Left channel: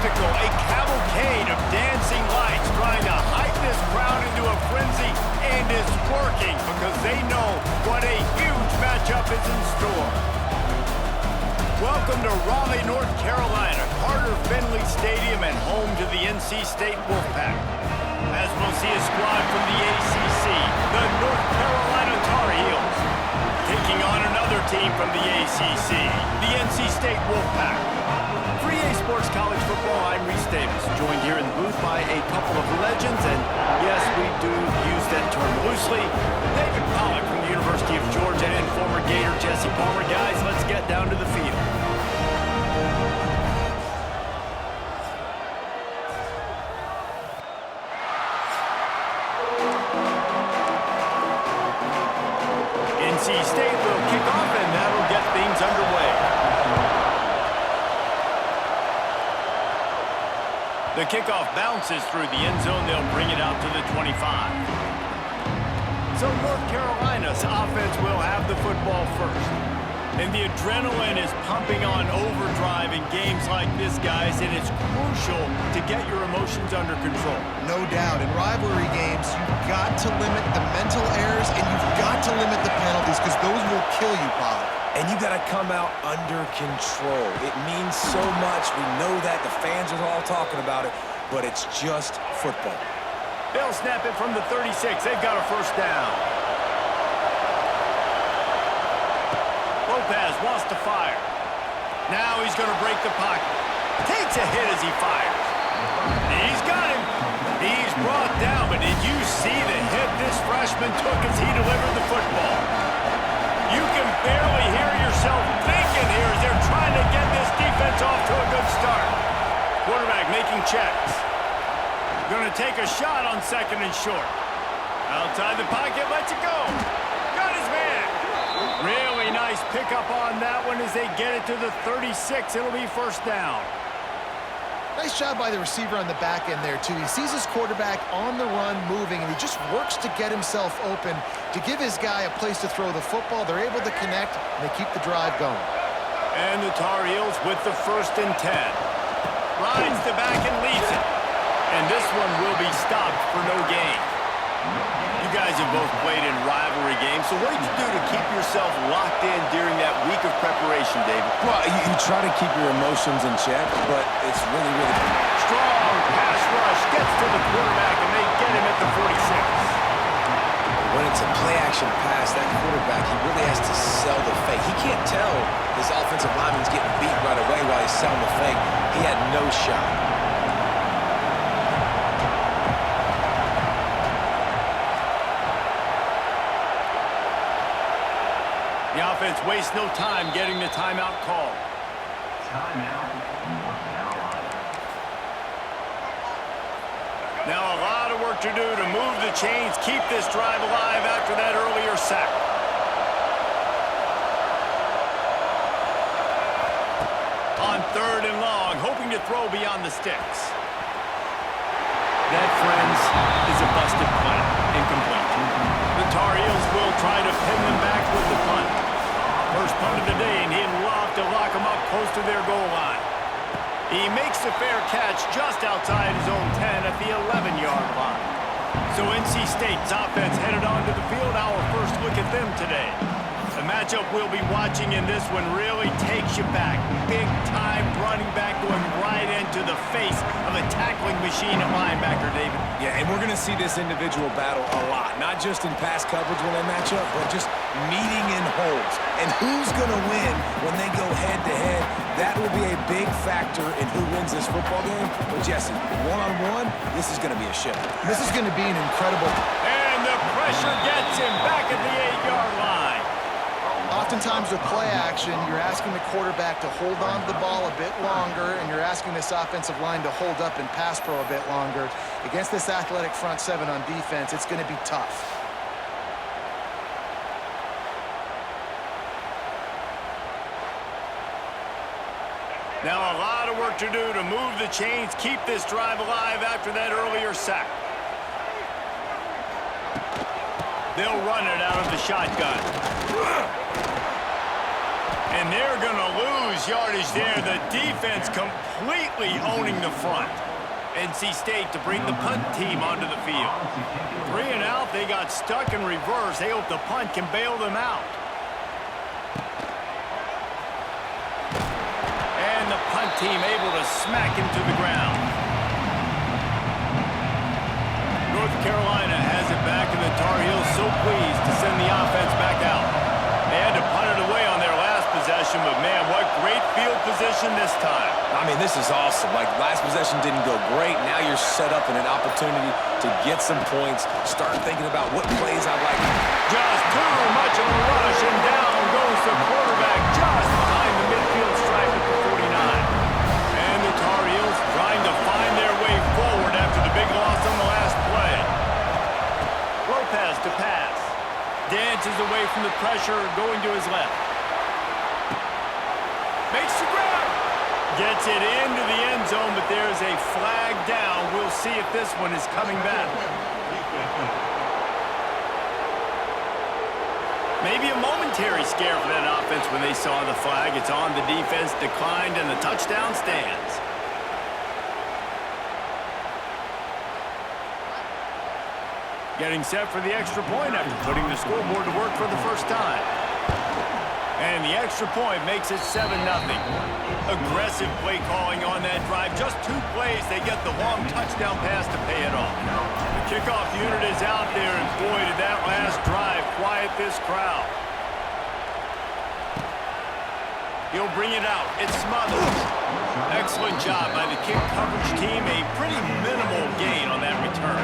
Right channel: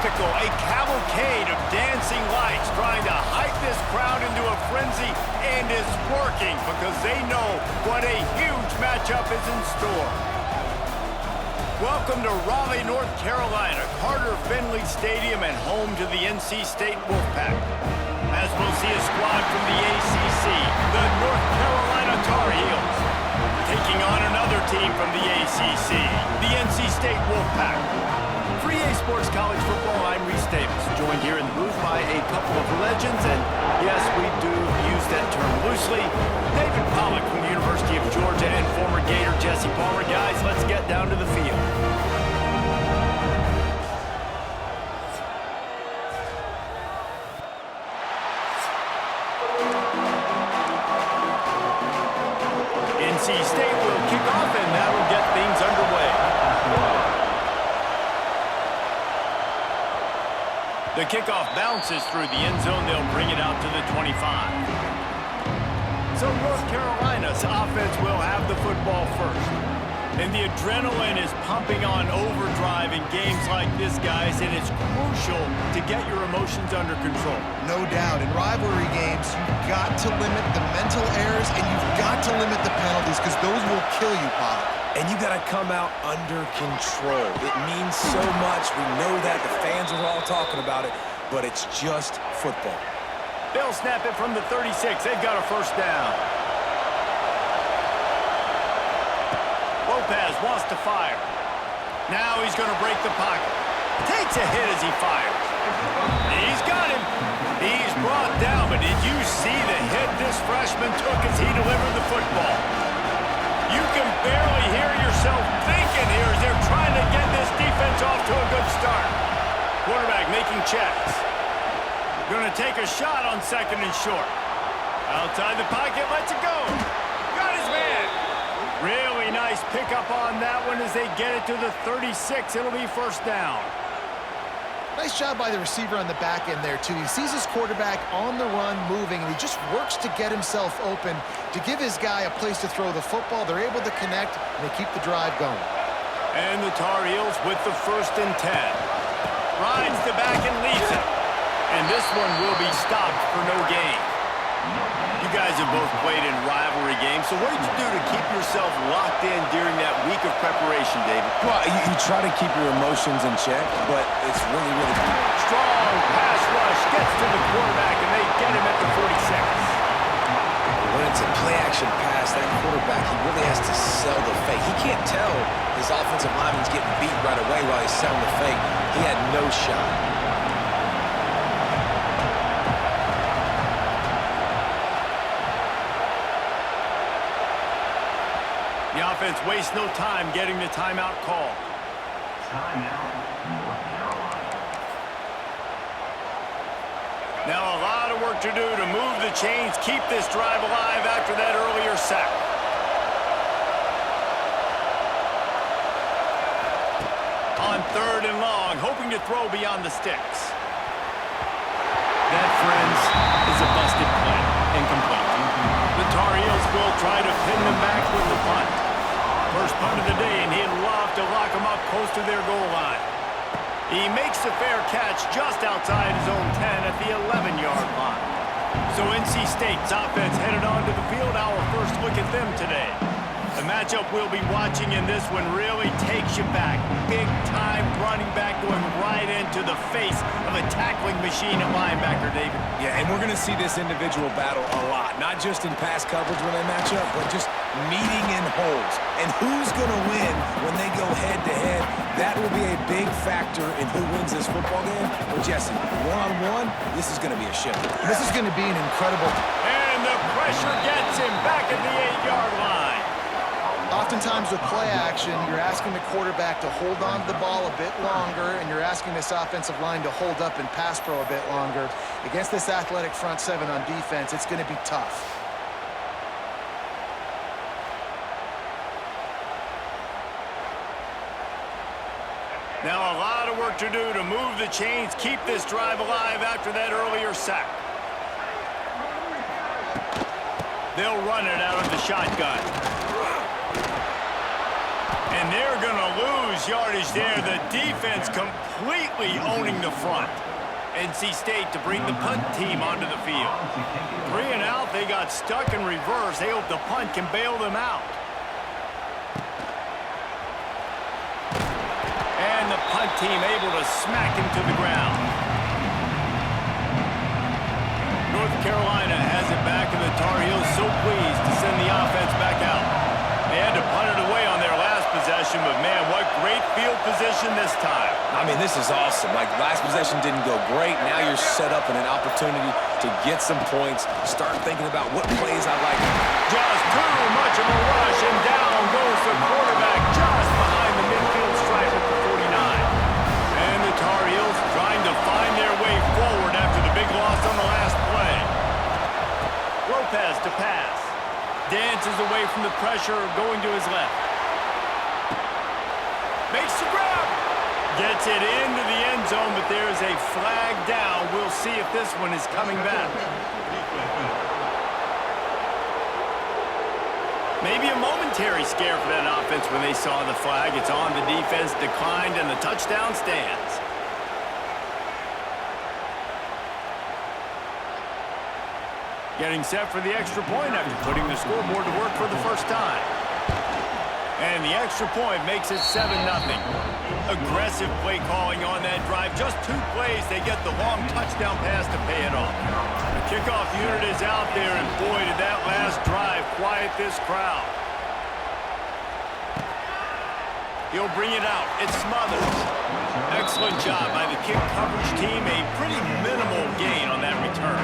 spectacle, a cavalcade of dancing lights trying to hype this crowd into a frenzy, and it's working because they know what a huge matchup is in store. Welcome to Raleigh, North Carolina, Carter Finley Stadium, and home to the NC State Wolfpack. As we'll see a squad from the ACC, the North Carolina Tar Heels, taking on another team from the ACC, the NC State Wolfpack. For EA Sports College Football, I'm Reese Davis, joined here in the booth by a couple of legends, and yes, we do use that term loosely. David Pollack from the University of Georgia and former Gator Jesse Palmer. Guys, let's get down to the field. NC State will kick off, and that'll get things underway. The kickoff bounces through the end zone. They'll bring it out to the 25. So North Carolina's offense will have the football first. And the adrenaline is pumping on overdrive in games like this, guys, and it's crucial to get your emotions under control. No doubt. In rivalry games, you've got to limit the mental errors, and you've got to limit the penalties, because those will kill you, Pollack. And you got to come out under control. It means so much. We know that. The fans are all talking about it, but it's just football. They'll snap it from the 36. They've got a first down. Lopez wants to fire. Now he's going to break the pocket. Takes a hit as he fires. He's got him. He's brought down, but did you see the hit this freshman took as he delivered the football? You can barely hear yourself thinking here as they're trying to get this defense off to a good start. Quarterback making checks. Going to take a shot on second and short. Outside the pocket, lets it go. Got his man. Really nice pickup on that one as they get it to the 36. It'll be first down. Nice job by the receiver on the back end there, too. He sees his quarterback on the run moving, and he just works to get himself open to give his guy a place to throw the football. They're able to connect, and they keep the drive going. And the Tar Heels with the 1st and 10. Rides the back and leads it. And this one will be stopped for no gain. You guys have both played in rivalry games, so what did you do to keep yourself locked in during that week of preparation, David? Well, you try to keep your emotions in check, but it's really strong pass rush gets to the quarterback, and they get him at the 46. When it's a play-action pass, that quarterback, he really has to sell the fake. He can't tell his offensive lineman's getting beat right away while he's selling the fake. He had no shot. The offense wastes no time getting the timeout called. Timeout, North Carolina. Now a lot of work to do to move the chains, keep this drive alive after that earlier sack. On 3rd and long, hoping to throw beyond the sticks. That, friends, is a busted play. Incomplete. The Tar Heels will try to pin them back with the punt. First punt of the day, and he'd love to lock them up close to their goal line. He makes the fair catch just outside his own 10 at the 11-yard line. So NC State's offense headed onto the field. Our first look at them today. The matchup we'll be watching in this one really takes you back. Big-time running back going right into the face of a tackling machine at linebacker, David. Yeah, and we're going to see this individual battle a lot. Not just in pass coverage when they match up, but just meeting in holes. And who's going to win when they go head-to-head? That will be a big factor in who wins this football game. But, Jesse, one-on-one, this is going to be a show. This is going to be an incredible... And the pressure gets him back at the 8-yard line. Oftentimes with play action, you're asking the quarterback to hold on to the ball a bit longer, and you're asking this offensive line to hold up in pass pro a bit longer. Against this athletic front seven on defense, it's going to be tough. Now a lot of work to do to move the chains, keep this drive alive after that earlier sack. They'll run it out of the shotgun. And they're going to lose yardage there. The defense completely owning the front. NC State to bring the punt team onto the field. 3 and out, they got stuck in reverse. They hope the punt can bail them out. And the punt team able to smack him to the ground. North Carolina has it back, and the Tar Heels so pleased to send the offense back out. They had to punt it away on their last possession, but man, what great field position this time. I mean, this is awesome. Like, last possession didn't go great. Now you're set up in an opportunity to get some points. Start thinking about what plays I like. Just too much of a rush, and down goes the quarterback just behind the midfield stripe at the 49. And the Tar Heels trying to find their way forward after the big loss on the last play. Lopez to pass. Dances away from the pressure, going to his left. Makes the grab. Gets it into the end zone, but there's a flag down. We'll see if this one is coming back. Maybe a momentary scare for that offense when they saw the flag. It's on, the defense declined, and the touchdown stands. Getting set for the extra point after putting the scoreboard to work for the first time. And the extra point makes it 7-0. Aggressive play calling on that drive. Just 2 plays, they get the long touchdown pass to pay it off. The kickoff unit is out there, and boy, did that last drive quiet this crowd. He'll bring it out. It's smothered. Excellent job by the kick coverage team. A pretty minimal gain on that return.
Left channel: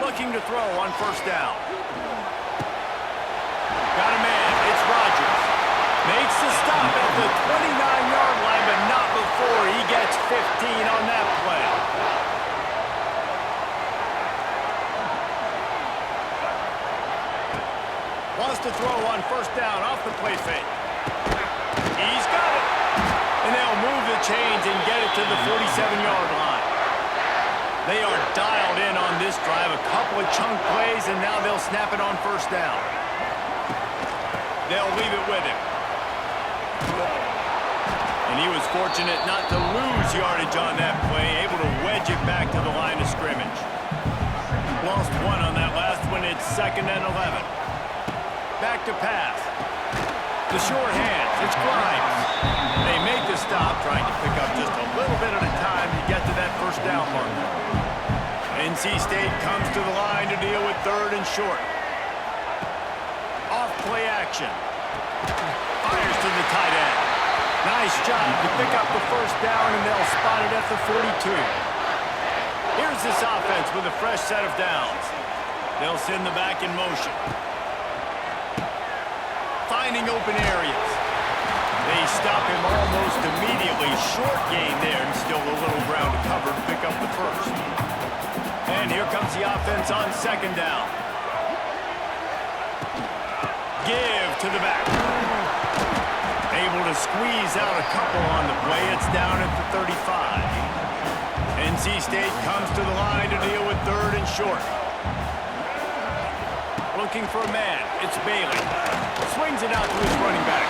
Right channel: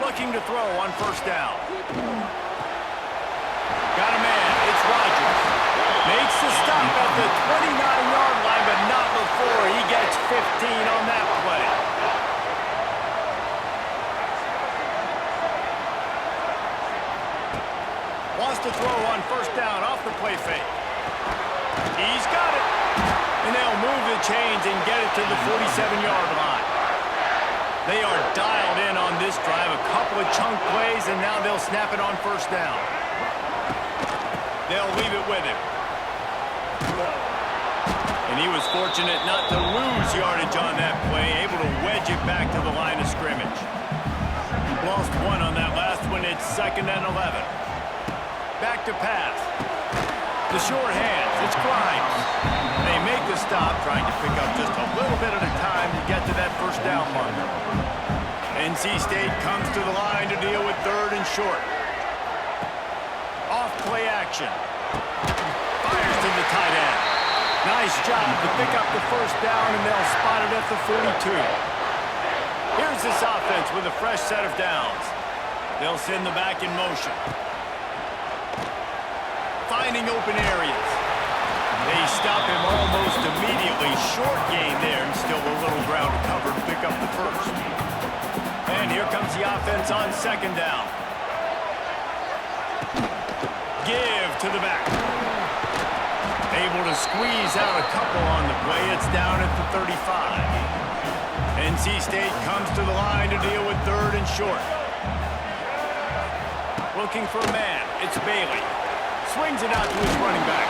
Looking to throw on first down. Got a man. It's Rodgers. Makes the stop at the 29-yard line, but not before he gets 15 on that play. Wants to throw on first down off the play fake. He's got it. And they'll move the chains and get it to the 47-yard line. They are dialed in on this drive. A couple of chunk plays, and now they'll snap it on first down. They'll leave it with him. And he was fortunate not to lose yardage on that play, able to wedge it back to the line of scrimmage. Lost 1 on that last one. It's 2nd and 11. Back to pass. The short hands. It's Grimes. They make the stop, trying to pick up just a little bit at a time to get to that first down marker. NC State comes to the line to deal with 3rd and short. Off play action. Fires to the tight end. Nice job to pick up the first down, and they'll spot it at the 42. Here's this offense with a fresh set of downs. They'll send the back in motion. Finding open areas. They stop him almost immediately. Short gain there, and still a little ground to cover to pick up the first. And here comes the offense on 2nd down. Give to the back. Able to squeeze out a couple on the play. It's down at the 35. NC State comes to the line to deal with 3rd and short. Looking for a man. It's Bailey. Swings it out to his running back.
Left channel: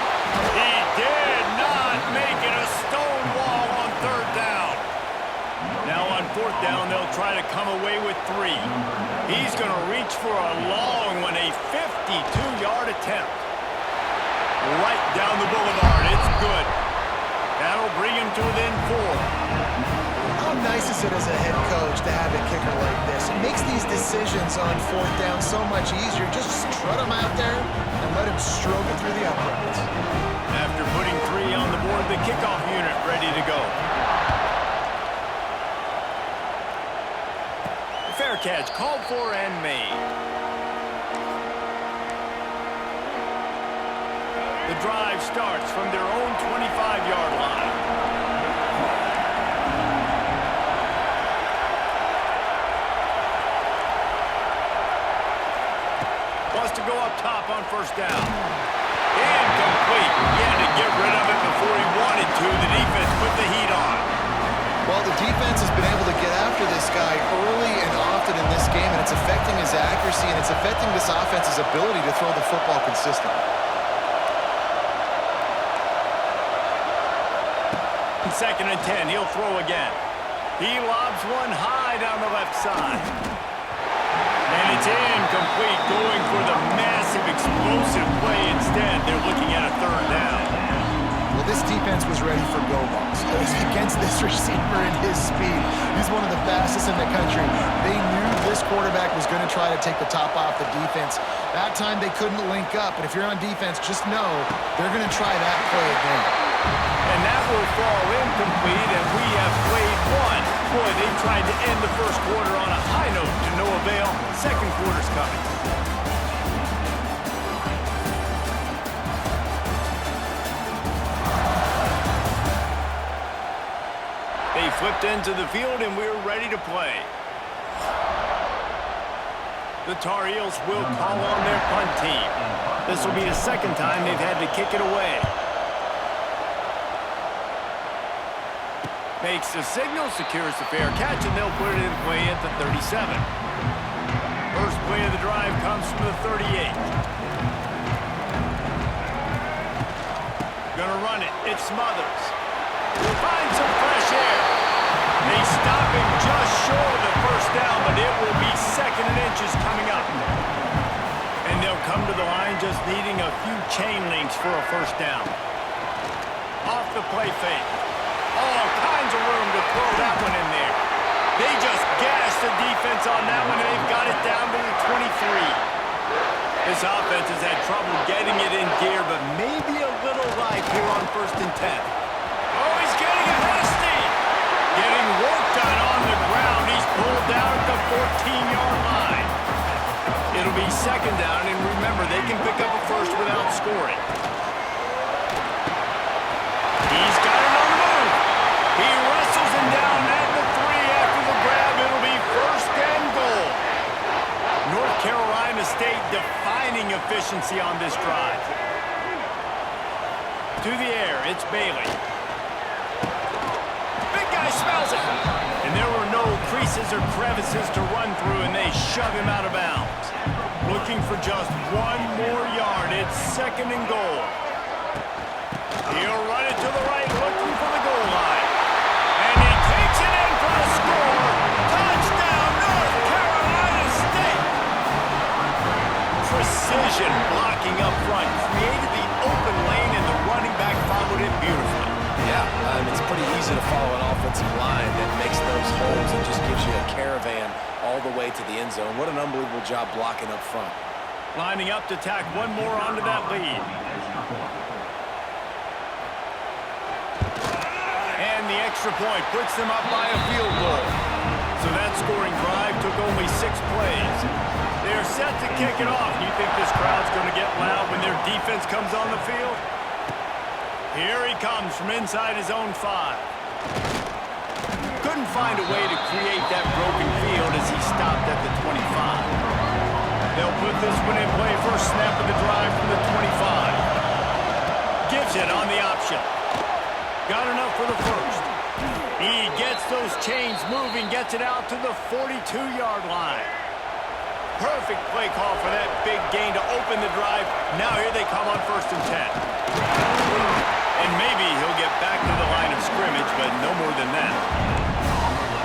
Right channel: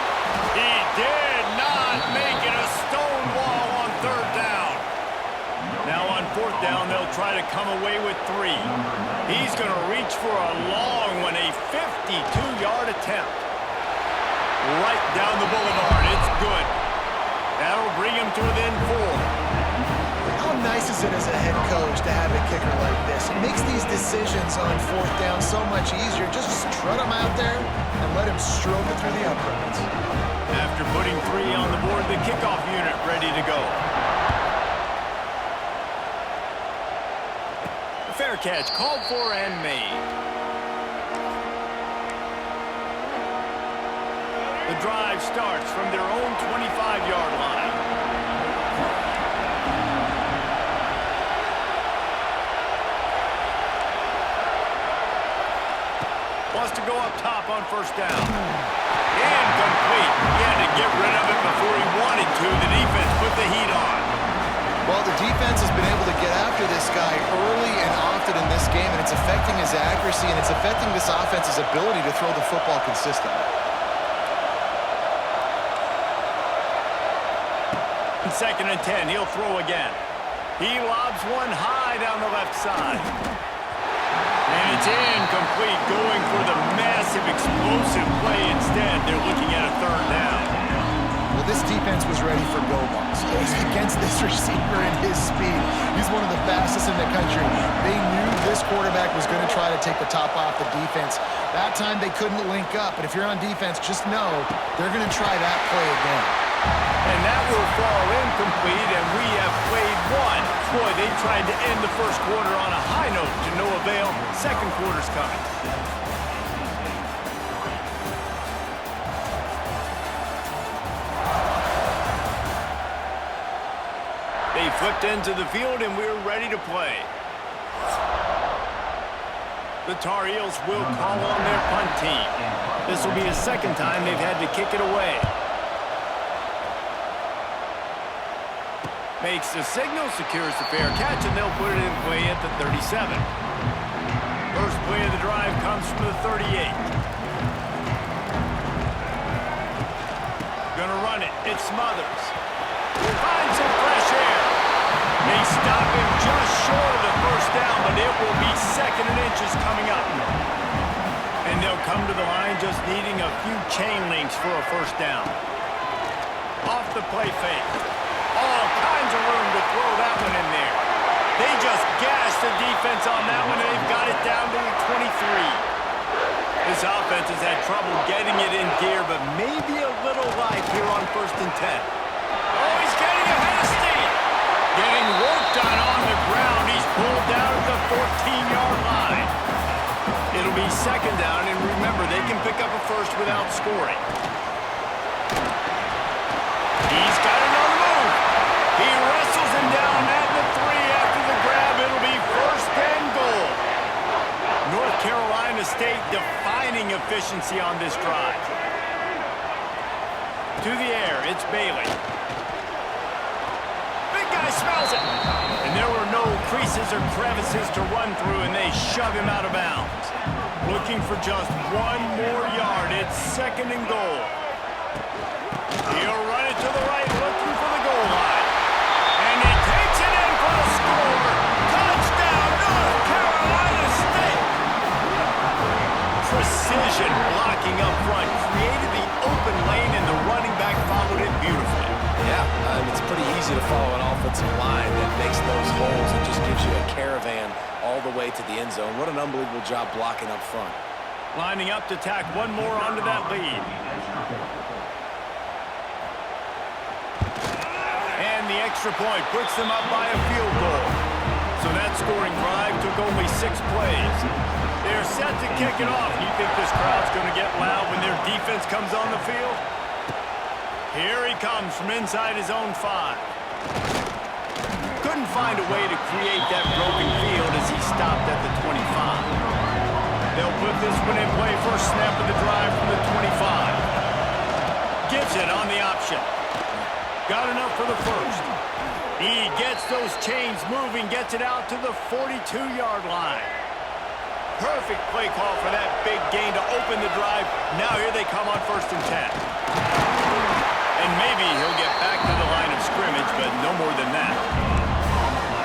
He did not make it. A stone wall on 3rd down. Now on 4th down, they'll try to come away with 3. He's going to reach for a long one, a 52-yard attempt. Right down the boulevard. It's good. That'll bring him to within 4. How nice is it as a head coach to have a kicker like this? It makes these decisions on 4th down so much easier. Just strut him out there and let him stroke it through the uprights. After putting 3 on the board, the kickoff unit ready to go. Fair catch called for and made. The drive starts from their own 25-yard line. Wants to go up top on first down. Incomplete. He had to get rid of it before he wanted to. The defense put the heat on. Well, the defense has been able to get after this guy early and often in this game, and it's affecting his accuracy, and it's affecting this offense's ability to throw the football consistently. Second and 10, he'll throw again. He lobs one high down the left side. And it's incomplete, going for the massive explosive play instead. They're looking at a third down. Well, this defense was ready for go balls. Against this receiver and his speed, he's one of the fastest in the country. They knew this quarterback was going to try to take the top off the defense. That time they couldn't link up, but if you're on defense, just know they're going to try that play again. And that will fall incomplete, and we have played one. Boy, they tried to end the first quarter on a high note to no avail. Second quarter's coming. They flipped into the field, and we're ready to play. The Tar Heels will call on their punt team. This will be the second time they've had to kick it away. Makes the signal, secures the fair catch, and they'll put it in play at the 37. First play of the drive comes from the 38. Gonna run it. It Smothers. Finds some fresh air. They stop him just short of the first down, but it will be second and inches coming up. And they'll come to the line just needing a few chain links for a first down. Off the play fake. All kinds of room to throw that one in there. They just gashed the defense on that one, and they've got it down to the 23. This offense has had trouble getting it in gear, but maybe a little life here on 1st and 10. Oh, he's getting ahead of steam. Getting work done on the ground. He's pulled down at the 14-yard line. It'll be second down, and remember, they can pick up a first without scoring. He's got it on the move. He wrestles him down at the 3 after the grab. It'll be first and goal. North Carolina State defining efficiency on this drive. To the air, it's Bailey. Big guy smells it. And there were no creases or crevices to run through, and they shove him out of bounds. Looking for just one more yard. It's second and goal. He'll run it to the right, looking for the goal line. And he takes it in for the score. Touchdown, North Carolina State. Precision blocking up front created the open lane, and the running back followed it beautifully. Yeah, it's pretty easy to follow an offensive line that makes those holes and just gives you a caravan all the way to the end zone. What an unbelievable job blocking up front. Lining up to tack one more onto that lead. And the extra point puts them up by a field goal. So that scoring drive took only 6 plays. They're set to kick it off. You think this crowd's going to get loud when their defense comes on the field? Here he comes from inside his own 5. Couldn't find a way to create that broken field as he stopped at the 25. They'll put this one in play. First snap of the drive from the 25. Gives it on the option. Got enough for the first. He gets those chains moving, gets it out to the 42-yard line. Perfect play call for that big gain to open the drive. Now here they come on 1st and 10. And maybe he'll get back to the line of scrimmage, but no more than that.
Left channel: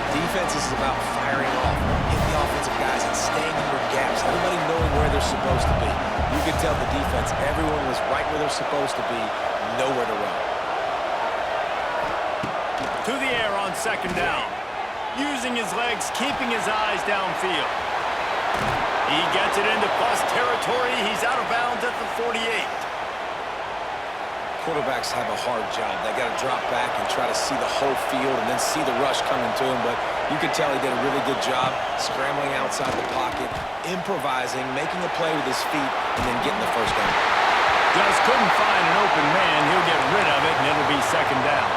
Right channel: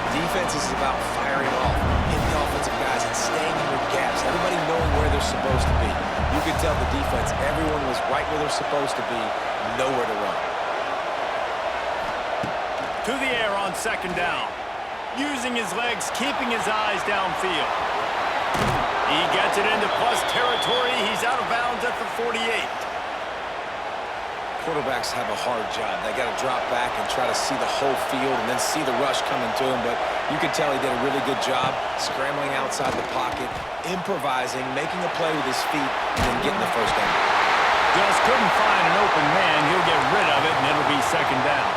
Defense is about firing off, hitting the offensive guys, and staying in your gaps. Everybody knowing where they're supposed to be. You could tell the defense, everyone was right where they're supposed to be, nowhere to run. To the air on 2nd down. Using his legs, keeping his eyes downfield. He gets it into plus territory. He's out of bounds at the 48. Quarterbacks have a hard job. They got to drop back and try to see the whole field and then see the rush coming to him. But you could tell he did a really good job scrambling outside the pocket, improvising, making a play with his feet, and then getting the first down. Just couldn't find an open man. He'll get rid of it, and it'll be 2nd down.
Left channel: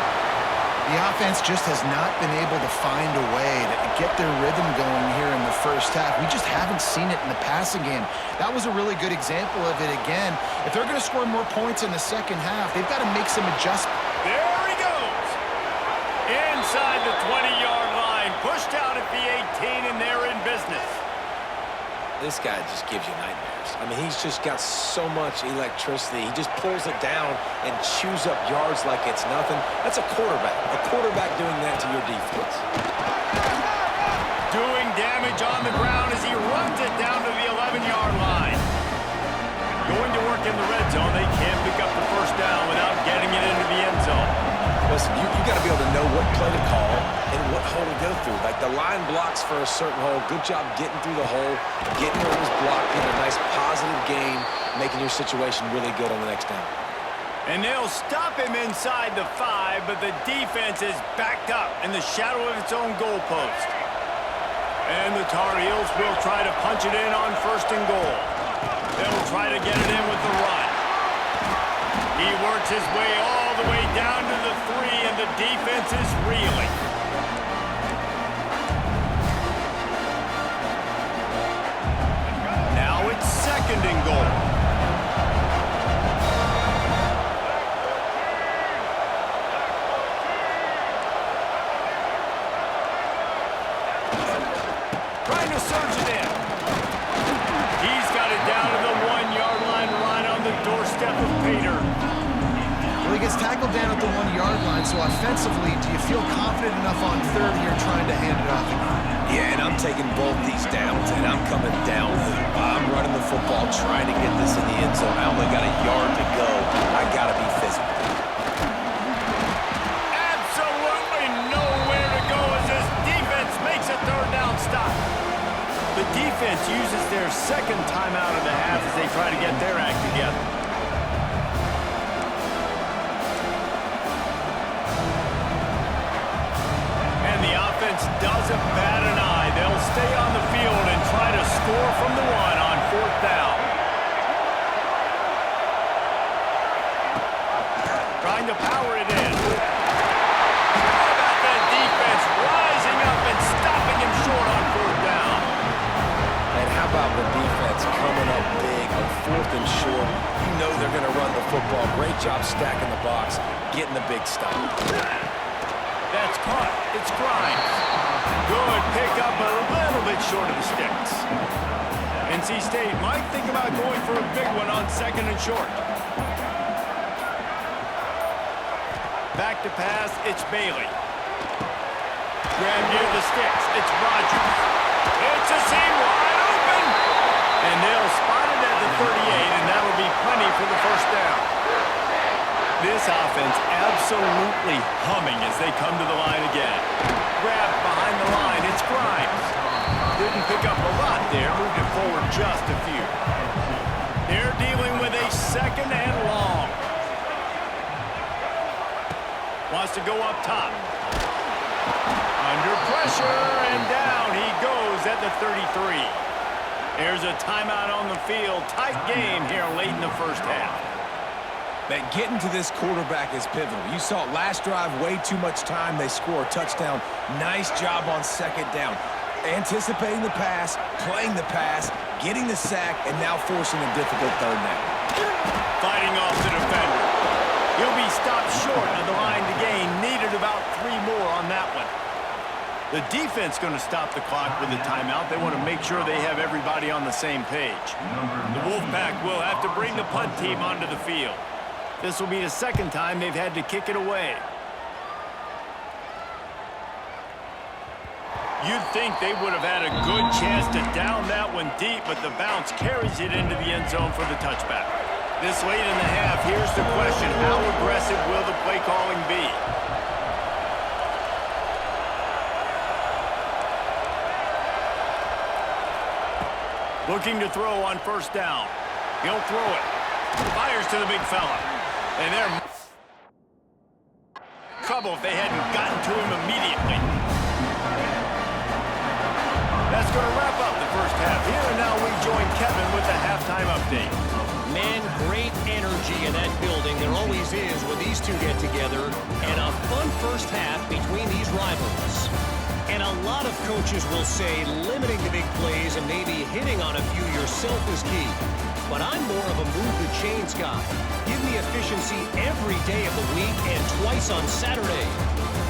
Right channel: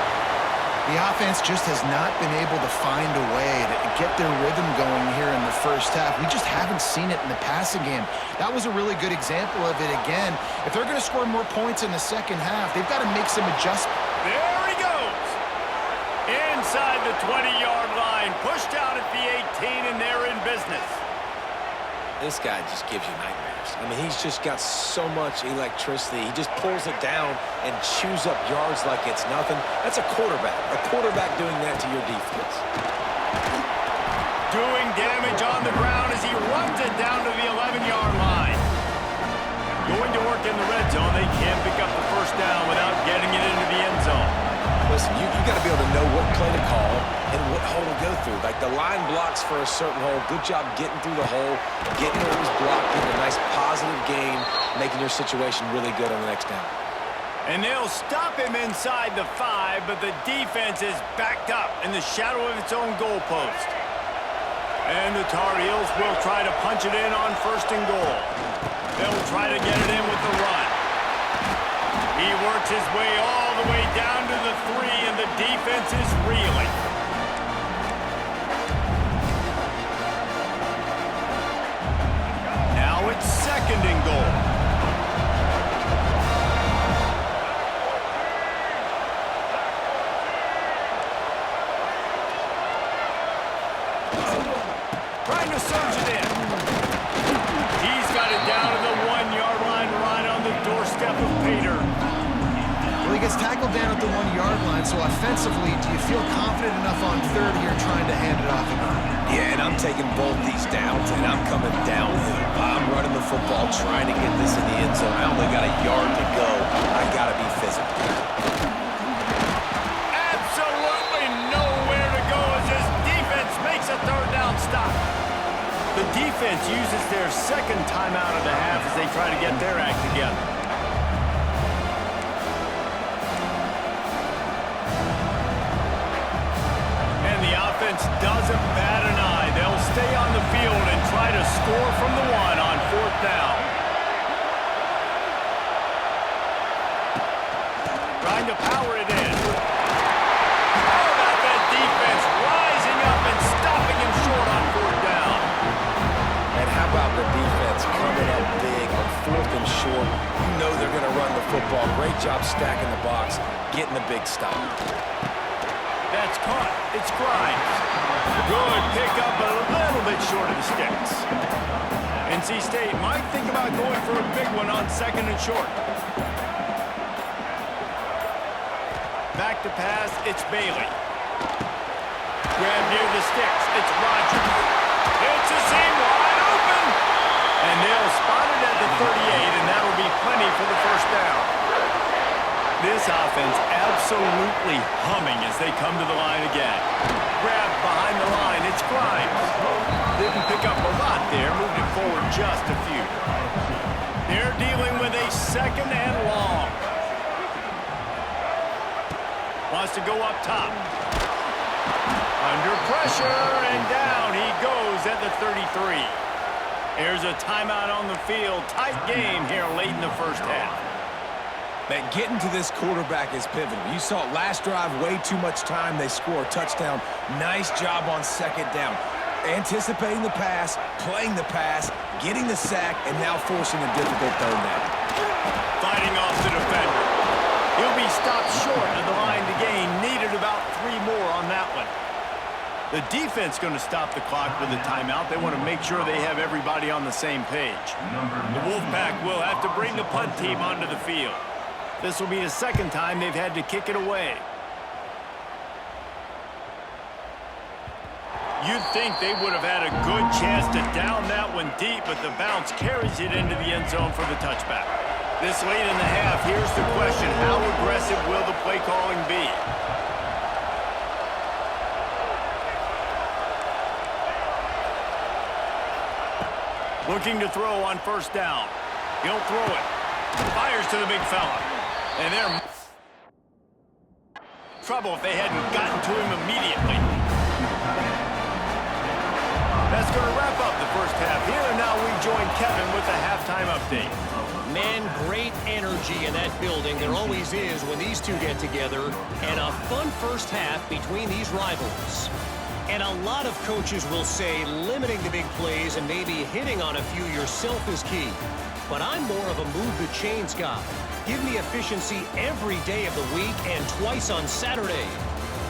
The offense just has not been able to find a way to get their rhythm going here in the first half. We just haven't seen it in the passing game. That was a really good example of it again. If they're going to score more points in the second half, they've got to make some adjustments. There he goes. Inside the 20-yard line, pushed out at the 18, and they're in business. This guy just gives you nightmares. I mean, he's just got so much electricity. He just pulls it down and chews up yards like it's nothing. That's a quarterback. A quarterback doing that to your defense. Doing damage on the ground as he runs it down to the 11-yard line. Going to work in the red zone. They can't pick up the first down without getting it into the end zone. Listen, you got to be able to know what play to call and what hole to go through. Like, the line blocks for a certain hole. Good job getting through the hole, getting where it was blocked, getting a nice positive gain, making your situation really good on the next down. And they'll stop him inside the 5, but the defense is backed up in the shadow of its own goalpost. And the Tar Heels will try to punch it in on 1st and goal. They'll try to get it in with the run. He works his way all the way down to the 3, and the defense is reeling. Now it's 2nd and goal. Trying to surge it in. He's got it down to the 1-yard line, right on the doorstep of Pater. Well, he gets tackled down at the 1-yard line, so offensively, do you feel confident enough on 3rd here trying to hand it off again? Yeah, and I'm taking both these downs, and I'm coming downhill. I'm running the football, trying to get this in the end zone. I only got a yard to go. I got to be physical. Absolutely nowhere to go as this defense makes a 3rd down stop. The defense uses their 2nd timeout of the half as they try to get their act together. And the offense doesn't bat an eye. They'll stay on the field and try to score from the 1 on 4th down. Trying to power it in. How about that defense rising up and stopping him short on 4th down? And how about the defense coming up big on 4th and short? You know they're going to run the football. Great job stacking the box, getting the big stop. That's caught. It's Grimes. Good pickup, but a little bit short of the sticks. NC State might think about going for a big one on 2nd and short. Back to pass, it's Bailey. Grab near the sticks, it's Rogers. It's a seam wide open. And they'll spot it at the 38, and that'll be plenty for the 1st down. This offense absolutely humming as they come to the line again. Grabbed behind the line, it's Grimes. Didn't pick up a lot there, moved it forward just a few. They're dealing with a 2nd and long. Wants to go up top. Under pressure, and down he goes at the 33. There's a timeout on the field. Tight game here late in the 1st half. Man, getting to this quarterback is pivotal. You saw it last drive, way too much time. They score a touchdown. Nice job on 2nd down. Anticipating the pass, playing the pass, getting the sack, and now forcing a difficult 3rd down. Fighting off the defender. He'll be stopped short of the line to gain. Needed about 3 more on that one. The defense going to stop the clock with a timeout. They want to make sure they have everybody on the same page. The Wolfpack will have to bring the punt team onto the field. This will be the 2nd time they've had to kick it away. You'd think they would have had a good chance to down that one deep, but the bounce carries it into the end zone for the touchback. This late in the half, here's the question: how aggressive will the play calling be? Looking to throw on 1st down. He'll throw it. Fires to the big fella. And they're trouble if they hadn't gotten to him immediately. That's going to wrap up the 1st half here, and now we join Kevin with the halftime update. Man, great energy in that building. There always is when these two get together, and a fun 1st half between these rivals. And a lot of coaches will say limiting the big plays and maybe hitting on a few yourself is key. But I'm more of a move the chains guy. Give me efficiency every day of the week and twice on Saturday.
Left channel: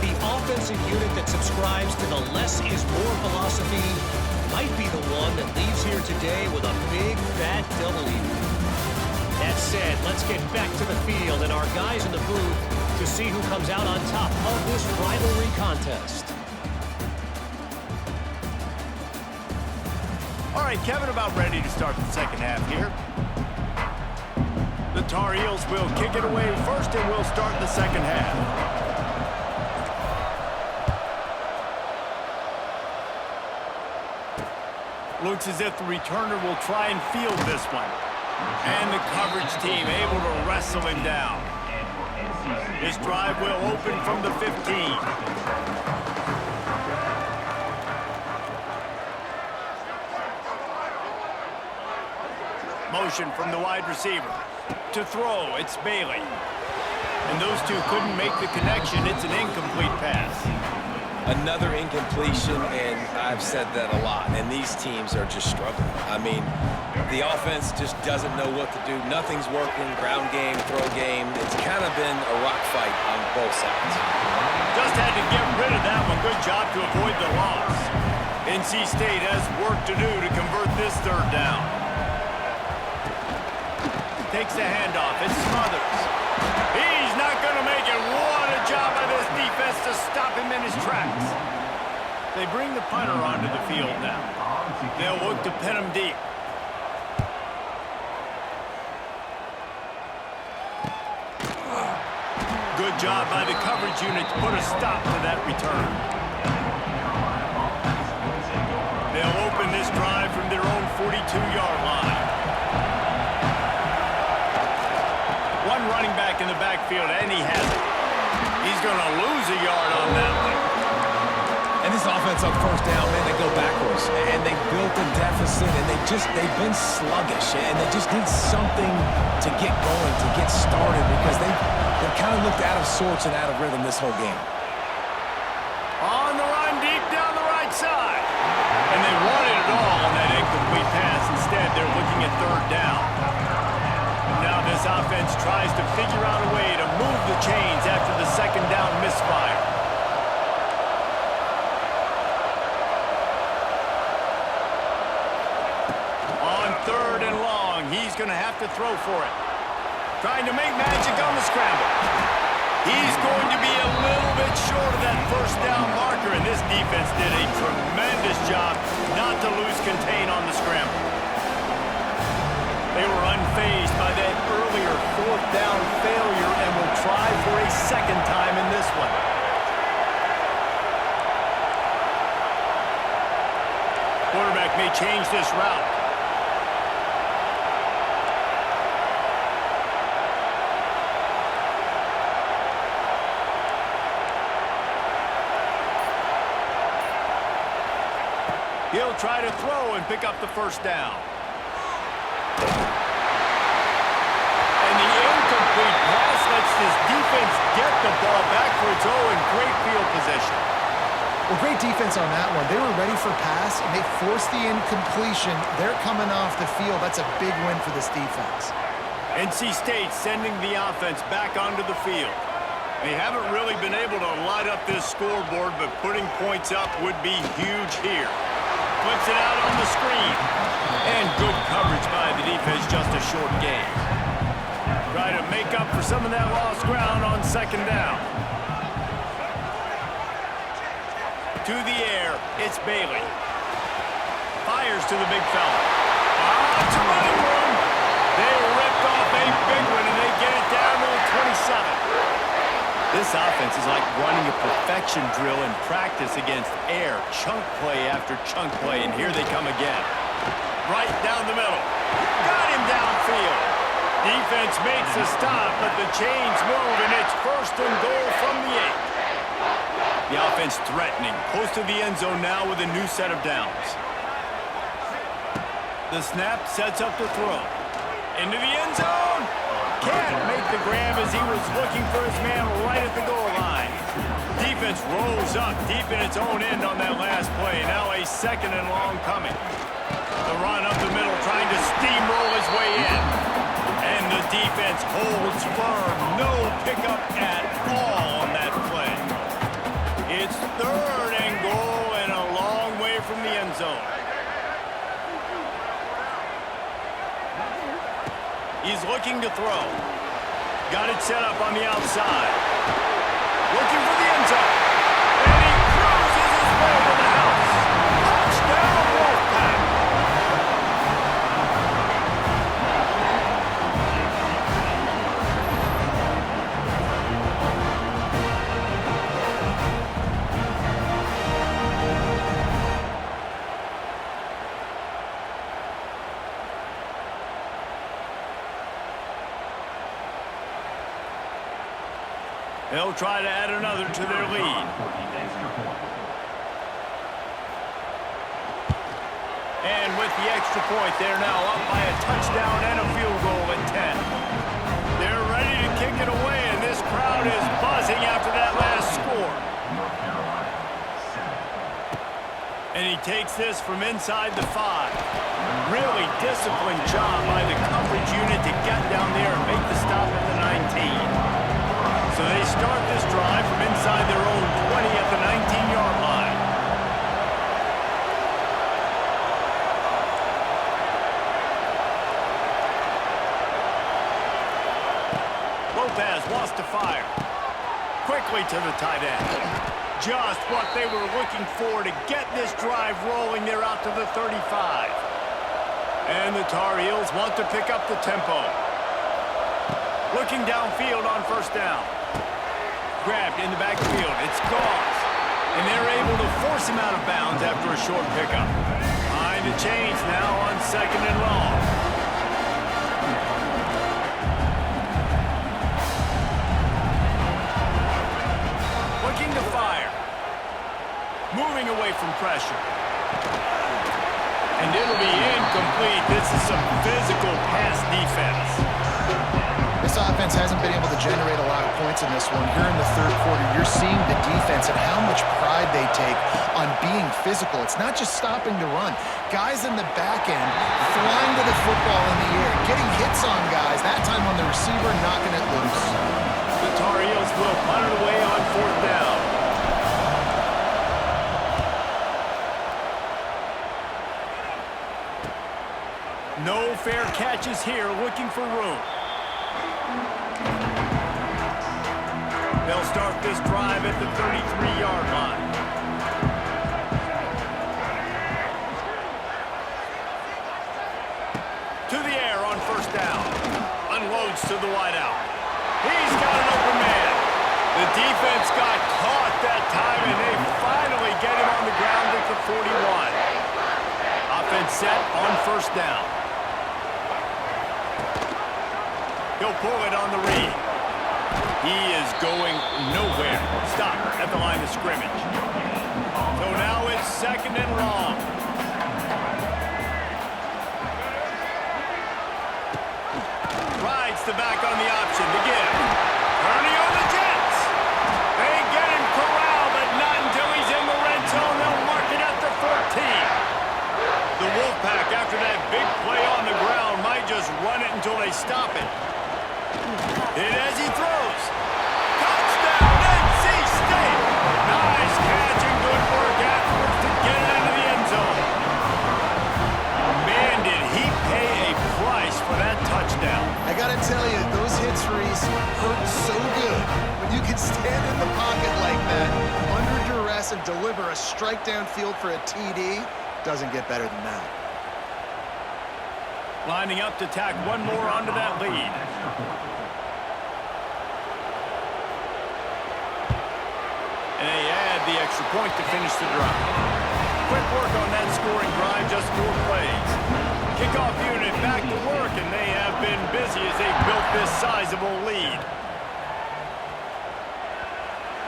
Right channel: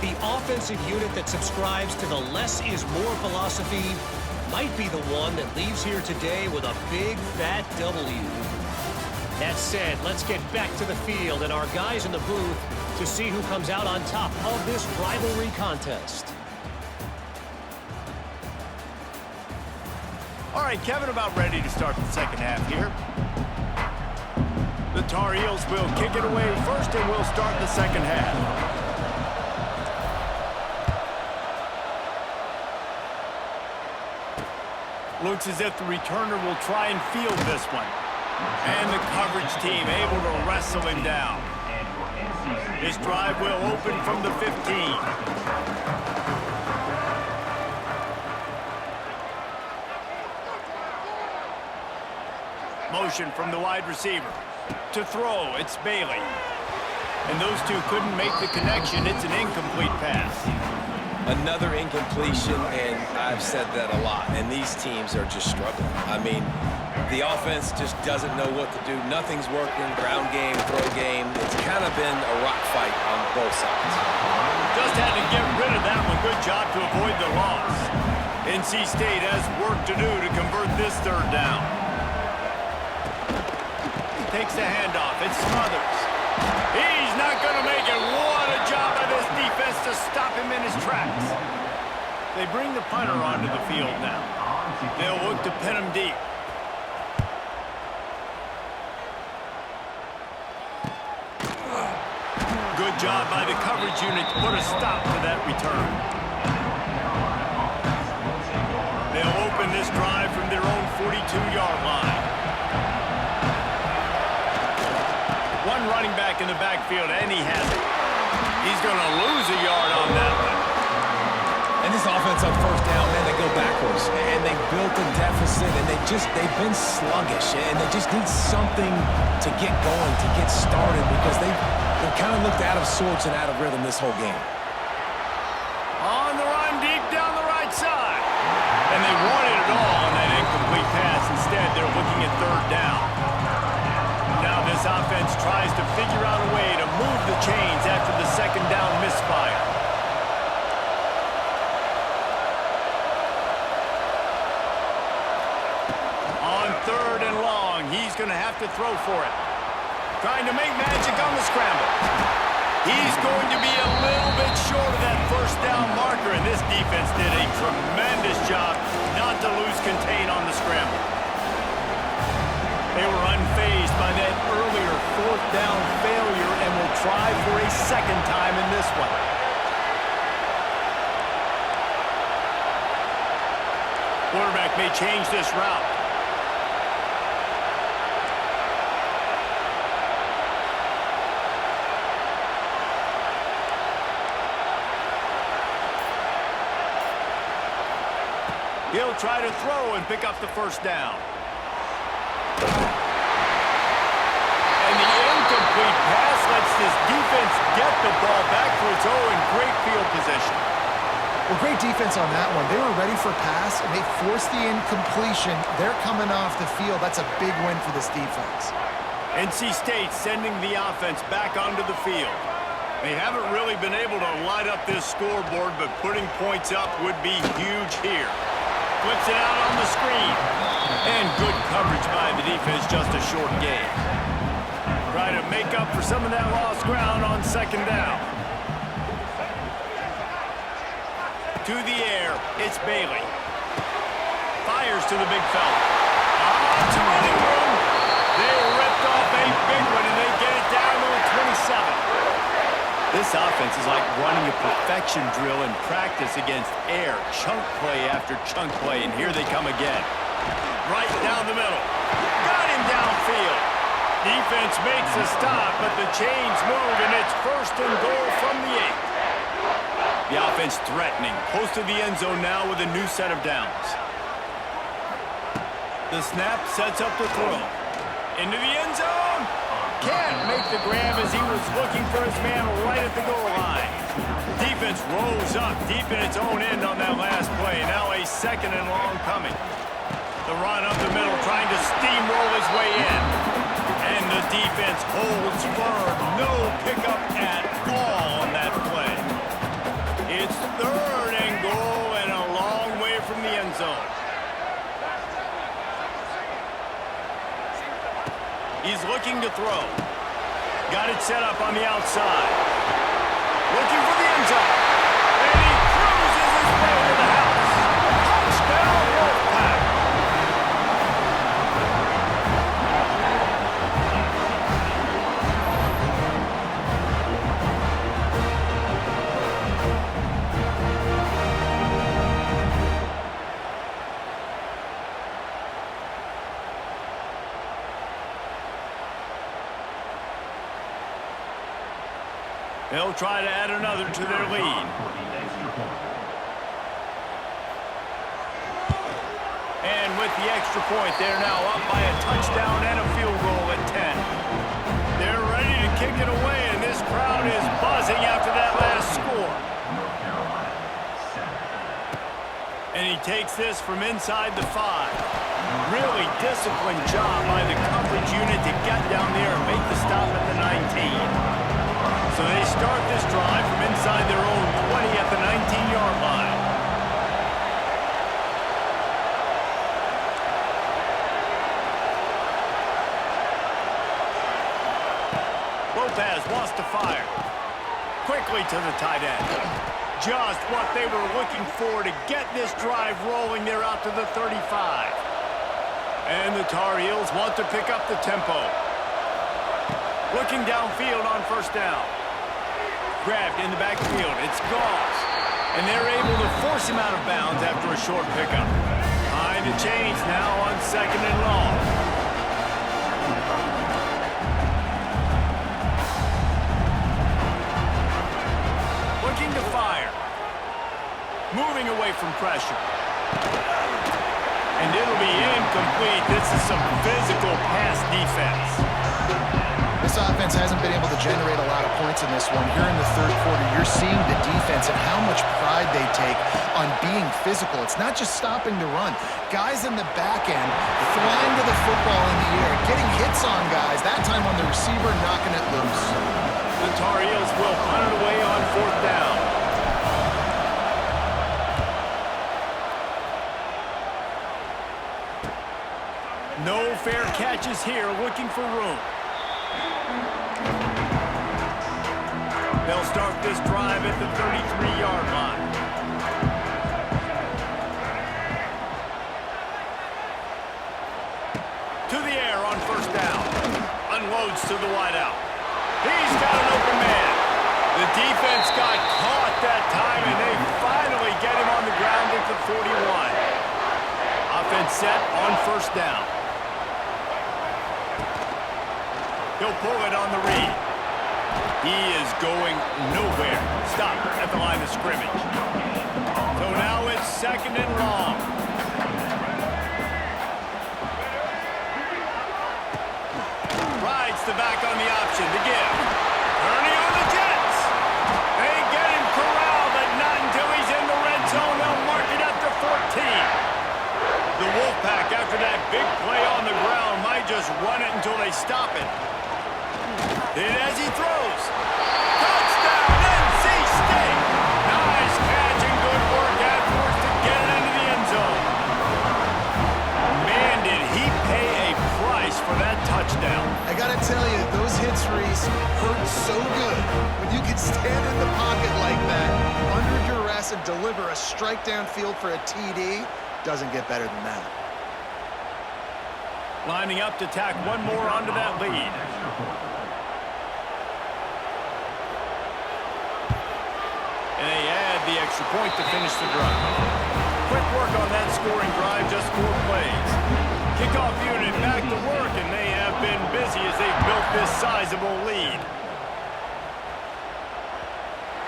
The offensive unit that subscribes to the less is more philosophy might be the one that leaves here today with a big, fat W. That said, let's get back to the field and our guys in the booth to see who comes out on top of this rivalry contest. All right, Kevin, about ready to start the second half here. The Tar Heels will kick it away first, and we'll start the second half. Looks as if the returner will try and field this one. And the coverage team able to wrestle him down. This drive will open from the 15. Motion from the wide receiver. To throw, it's Bailey. And those two couldn't make the connection. It's an incomplete pass. Another incompletion, and I've said that a lot, and these teams are just struggling. I mean, the offense just doesn't know what to do. Nothing's working. Ground game, throw game. It's kind of been a rock fight on both sides. Just had to get rid of that one. Good job to avoid the loss. NC State has work to do to convert this third down. Takes the handoff. It's Smothers. He's not going to make it. What a job by this defense to stop him in his tracks. They bring the punter onto the field now. They'll look to pin him deep. Good job by the coverage unit to put a stop to that return. They'll open this drive from their own 42-yard line. One running back in the backfield, and he has it. He's going to lose a yard on that one. And this offense on first down, man, they go backwards. And they built a deficit, and they've been sluggish. And they just need something to get going, to get started, because they've kind of looked out of sorts and out of rhythm this whole game. On the run, deep down the right side. And they wanted it all on that incomplete pass. Instead, they're looking at third down. Now this offense tries to figure out a way to move the chains after the second down misfire. On third and long, he's going to have to throw for it. Trying to make magic on the scramble. He's going to be a little bit short of that first down marker, and this defense did a tremendous job not to lose contain on the scramble. They were unfazed by that earlier fourth down failure and will try for a second time in this one. Quarterback may change this route. He'll try to throw and pick up the first down. And the incomplete pass lets this defense get the ball back for its own. Great field position. Well, great defense on that one. They were ready for pass, and they forced the incompletion. They're coming off the field. That's a big win for this defense. NC State sending the offense back onto the field. They haven't really been able to light up this scoreboard, but putting points up would be huge here. Flips it out on the screen. And good coverage by the defense, just a short gain. Try to make up for some of that lost ground on second down. To the air, it's Bailey. Fires to the big fella. It's a running room. They ripped off a big one, and they get it down to the 27. This offense is like running a perfection drill in practice against air. Chunk play after chunk play, and here they come again. Right down the middle. Got him downfield. Defense makes a stop, but the chains move, and it's first and goal from the 8. The offense threatening, close to the end zone now with a new set of downs. The snap sets up the throw. Into the end zone. Can't make the grab as he was looking for his man right at the goal line. Defense rose up deep in its own end on that last play. Now a second and long coming. The run up the middle, trying to steamroll his way in. And the defense holds firm. No pickup at all on that play. It's 3rd and goal and a long way from the end zone. He's looking to throw. Got it set up on the outside. Looking for the end zone. And he cruises his way to the house. Touchdown, Wolfpack. They'll try to add another to their lead. And with the extra point, they're now up by a touchdown and a field goal at 10. They're ready to kick it away, and this crowd is buzzing after that last score. And he takes this from inside the 5. Really disciplined job by the coverage unit to get down there and make the stop at the 19. So they start this drive from inside their own 20 at the 19-yard line. Lopez wants to fire. Quickly to the tight end. Just what they were looking for to get this drive rolling. They're out to the 35. And the Tar Heels want to pick up the tempo. Looking downfield on 1st down. Grabbed in the backfield. It's Goss. And they're able to force him out of bounds after a short pickup. Behind the chains now on 2nd and long. Looking to fire. Moving away from pressure. And it'll be incomplete. This is some physical pass defense. This offense hasn't been able to generate a lot of points in this one. Here in the 3rd quarter, you're seeing the defense and how much pride they take on being physical. It's not just stopping the run. Guys in the back end flying to the football in the air, getting hits on guys, that time on the receiver, knocking it loose. The Tar Heels will punt it away on 4th down. No fair catches here, looking for room. They'll start this drive at the 33-yard line. To the air on 1st down. Unloads to the wideout. He's got an open man. The defense got caught that time, and they finally get him on the ground at the 41. Offense set on 1st down. He'll pull it on the read. He is going nowhere. Stop at the line of scrimmage. So now it's 2nd and long. Rides the back on the option to give. Turning on the Jets. They get him corralled, but not until he's in the red zone. They'll mark it at the 14. The Wolfpack, after that big play on the ground, might just run it until they stop it. And as he throws, touchdown, NC State! Nice catch and good work afterwards to get it into the end zone. Man, did he pay a price for that touchdown. I gotta tell you, those hits, Reese, hurt so good. When you can stand in the pocket like that, under duress, and deliver a strike downfield for a TD, doesn't get better than that. Lining up to tack one more onto that lead. And they add the extra point to finish the drive. Quick work on that scoring drive, just 4 plays. Kickoff unit back to work, and they have been busy as they've built this sizable lead.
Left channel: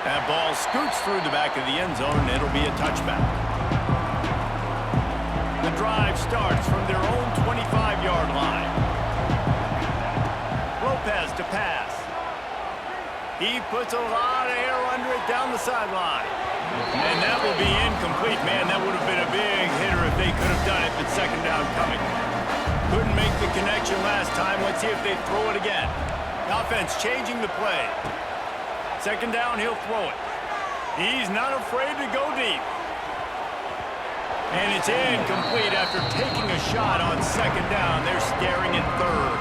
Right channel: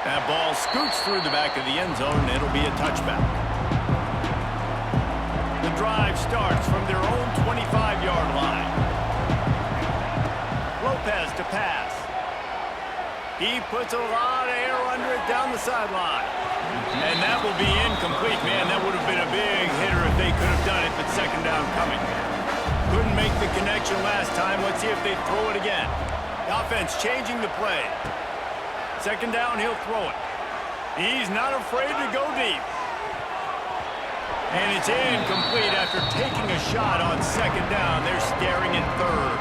That ball scoots through the back of the end zone, and it'll be a touchback. The drive starts from their own 25-yard line. Lopez to pass. He puts a lot of air under it down the sideline. And that will be incomplete. Man, that would have been a big hitter if they could have done it, but 2nd down coming. Couldn't make the connection last time. Let's see if they throw it again. The offense changing the play. 2nd down, he'll throw it. He's not afraid to go deep. And it's incomplete after taking a shot on second down. They're staring at third.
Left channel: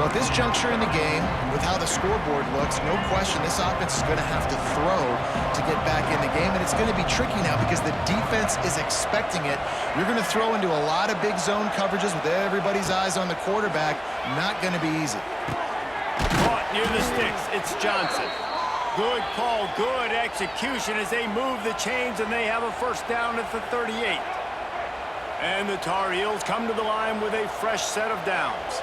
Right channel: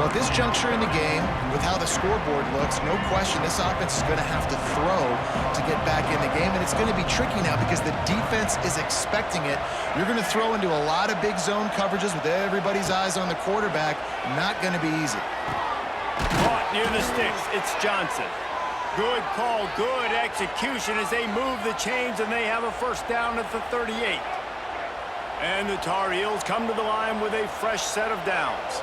Well, at this juncture in the game, with how the scoreboard looks, no question this offense is going to have to throw to get back in the game, and it's going to be tricky now because the defense is expecting it. You're going to throw into a lot of big zone coverages with everybody's eyes on the quarterback. Not going to be easy. Caught near the sticks. It's Johnson. Good call, good execution as they move the chains, and they have a first down at the 38. And the Tar Heels come to the line with a fresh set of downs.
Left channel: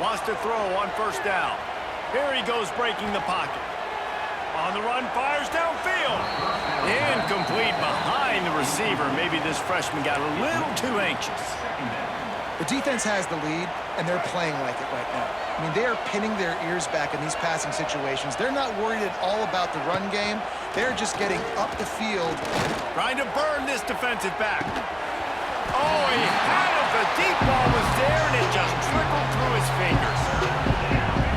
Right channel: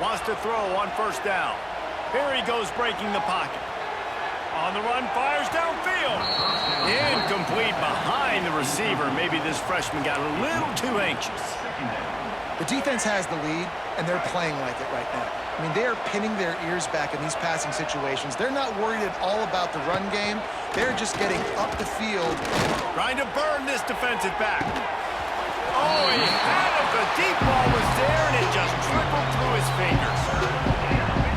Wants to throw on first down. Here he goes breaking the pocket. On the run, fires downfield. Incomplete behind the receiver. Maybe this freshman got a little too anxious. The defense has the lead, and they're playing like it right now. I mean, they are pinning their ears back in these passing situations. They're not worried at all about the run game. They're just getting up the field. Trying to burn this defensive back. Oh, he had it. The deep ball was there, and it just trickled through his fingers.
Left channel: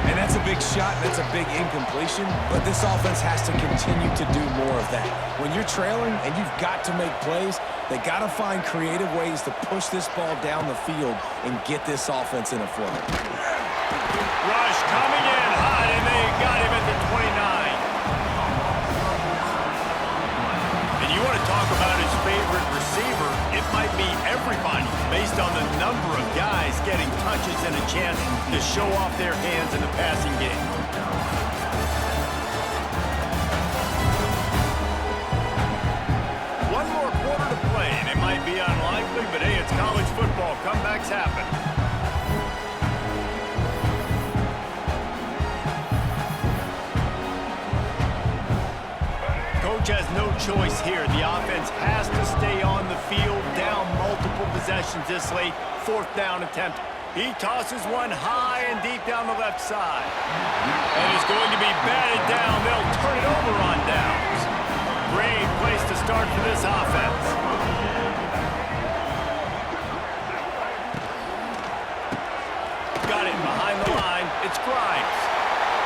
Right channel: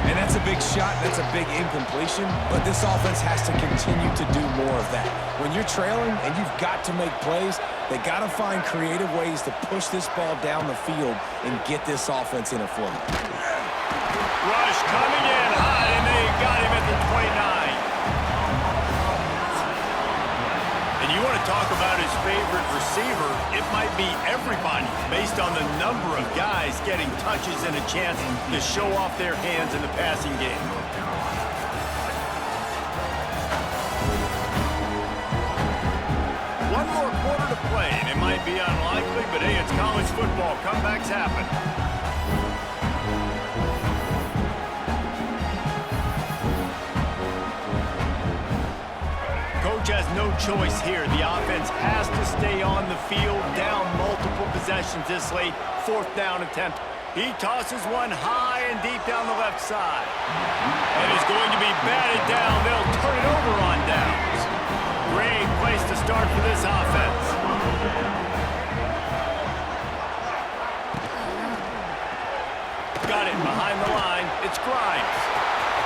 And that's a big shot, that's a big incompletion, but this offense has to continue to do more of that. When you're trailing and you've got to make plays, they got to find creative ways to push this ball down the field and get this offense in a flow. Rush coming in hot, and they got him at the 29. And you want to talk about his favorite receiver, it might be everybody based on the number of guys getting touches and a chance to show off their hands in the passing game. One more quarter to play, and it might be unlikely, but hey, it's college football. Comebacks happen. Coach has no choice here. The offense has to stay on the field, down multiple possessions this late. Fourth down attempt. He tosses one high and deep down the left side. And he's going to be batted down. They'll turn it over on downs. Great place to start for this offense. Got it behind the line. It's Grimes.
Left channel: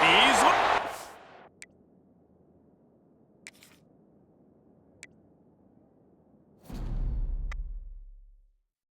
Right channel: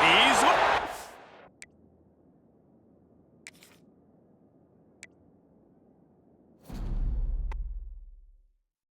He's